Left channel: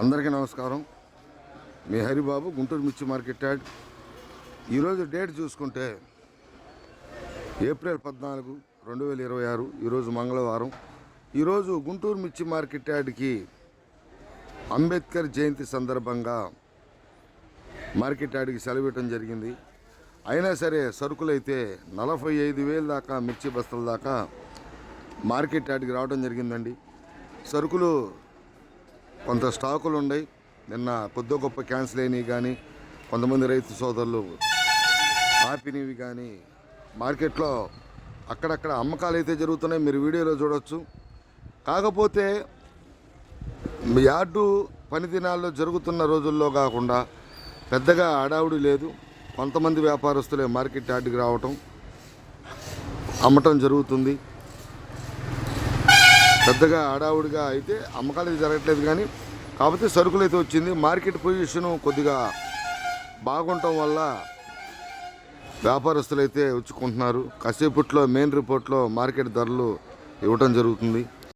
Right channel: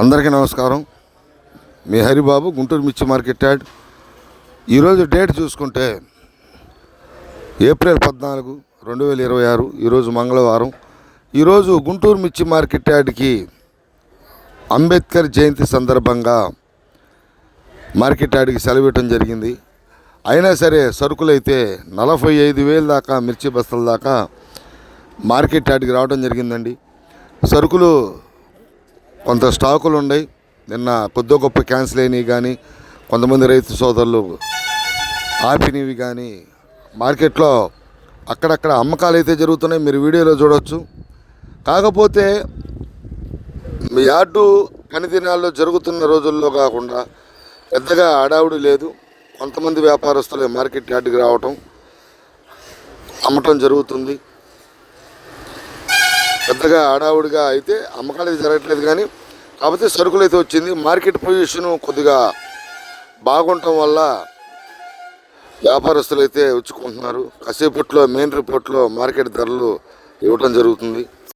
అందరికీ నమస్కారం. మీ హరిబాబు, గుంటూరు మిర్చి మార్కెట్ యార్డ్. ఈరోజు డేట్ చూసుకుంటే ఏప్రిల్ 14, 2026. ఈరోజు మంగళవారం. ఈరోజు గుంటూరు మిర్చి మార్కెట్ యార్డ్కి అంబేద్కర్ జయంతి సందర్భంగా మార్కెట్ యార్డ్కి సెలవు ఇవ్వటం జరిగింది. అయినా సరే సరుకులైతే 45,000 దాకా, మిర్చి బస్తాల దాకా మార్కెట్ యార్డ్కి రావడం జరిగిందండి. సరుకులు కొంత స్టాకులు ఉన్నాయి. నిన్న కొద్ది గొప్ప క్యాన్సిల్ అయినవి కానీ, కొంతమంది రైతు సోదరులు ఆపినవి కానీ మార్కెట్లో అక్కడక్కడ అమ్మకాలు అయితే జరుగుతున్నాయి. మీరు వీడియోలో చూడవచ్చు. కాకపోతే యార్డు పని దినాల్లో జరుగుతున్న రోజుల్లో కాకుండా పెద్దగా హడావుడి లేదు. కొంతమంది వ్యాపారస్తులే మార్కెట్ యార్డ్కి రావటం, అమ్మటం జరుగుతుంది. పెద్దగా హడావుడిగా అయితే అమ్మకాలు అయితే జరగట్లేదు. కానీ కాకపోతే సరుకులు అయితే వచ్చింది. మార్కెట్ పొజిషను కొద్దిగా బాగుండటం వల్ల వ్యాపారస్తులు అయితే వచ్చుకుంటున్నారు. కాసేపట్లో మెయిన్ రిపోర్ట్లో మార్కెట్ ధరలు ఇవ్వటం జరుగుతుంది.